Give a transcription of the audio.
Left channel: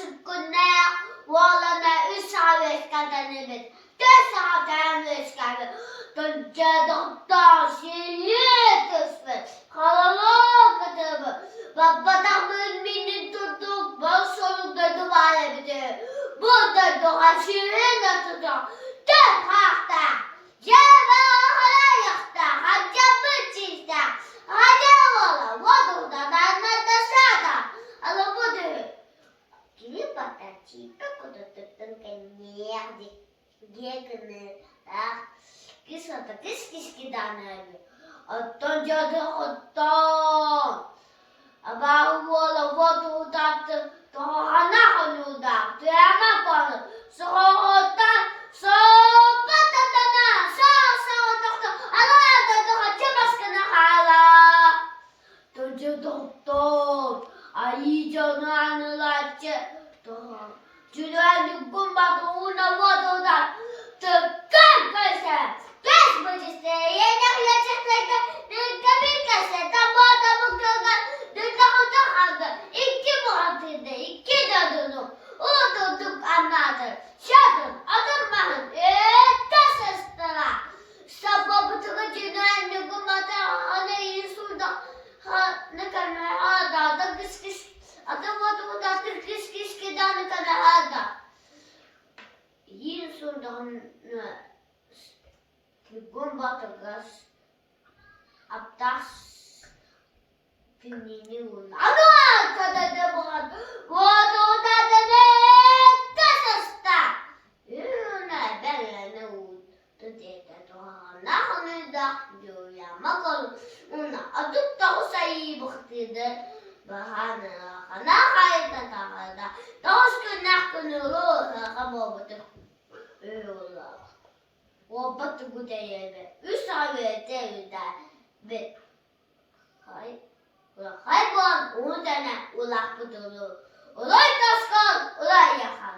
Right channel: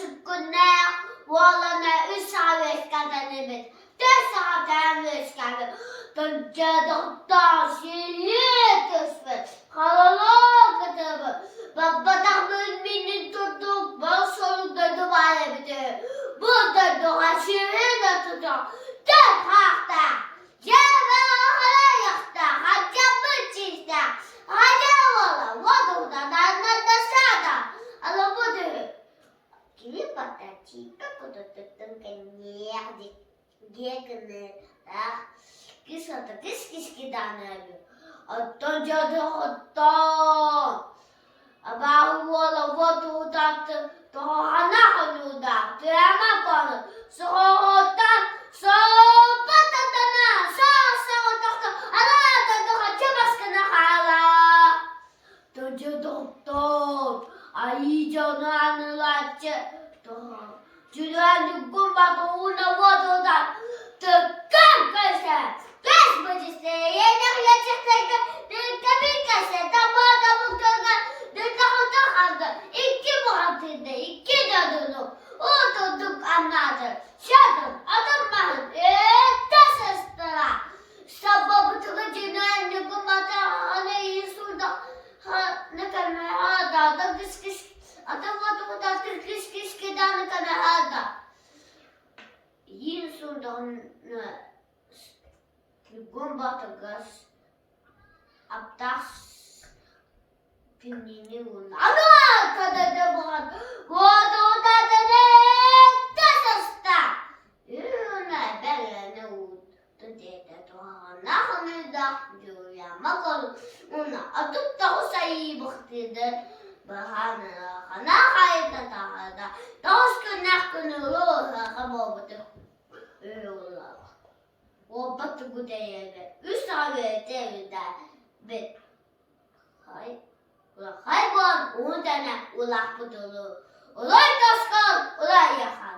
Sükkünler, oğlana 3 saat veskadanımız. 4 saat veskadanımız. Toncadıktan şehir tüsmü. Kalalık kıtımı. Babadamın beni tuttuk. Ben solukta duvara bitir. Burada doğa şehirde tutuk. 4 hafta. Cebe hala yakta. Hacamı çizdi. Hacam ola. Vaduda da sada. Ala budur. Kimi patacita kudututtun kenyerdik. Gekini. Kisata kiskidanabi. Atton cadı otton. Abahu ola vaduda tohana hanuda. Tüyama konu. Soğutan soğupatatana. Soğutan. Ala da çabaskına hala. Tonca doktor. Ay canı anılatçı. Cürenlik kumbatı una vadodan. Tıkkın kese. Beş bacısı. Yenek yaşıklıkta. Tıkkı bir kese. Tamam kırgan. Tıkkı kaldı. 2 muhabbinde. 2 dadını. Oturduk anladı. Şadın. Adım mahın. Tasıstıra. Sabah tıkkı cürenlik kumbatı. Hani iyi surda. Ne kadar hada kıs kıs adam da kıs kıs kidan ne kadar hada yin sundan gumba tagas aptas pinini un ana kadar da bahat vodo da ne tasasta yuna belene u tete to na hanu da ya makal una atıp da o sayı baktıdır. Bahana kana kayıta tahada. Doğuşkun nakını ruha kamobudur. Öyle. O batı güdeyebe. 3 tane devide. Bir. Hayvan 10 tane ulak budulu. Olay taşkal. Olay yakar.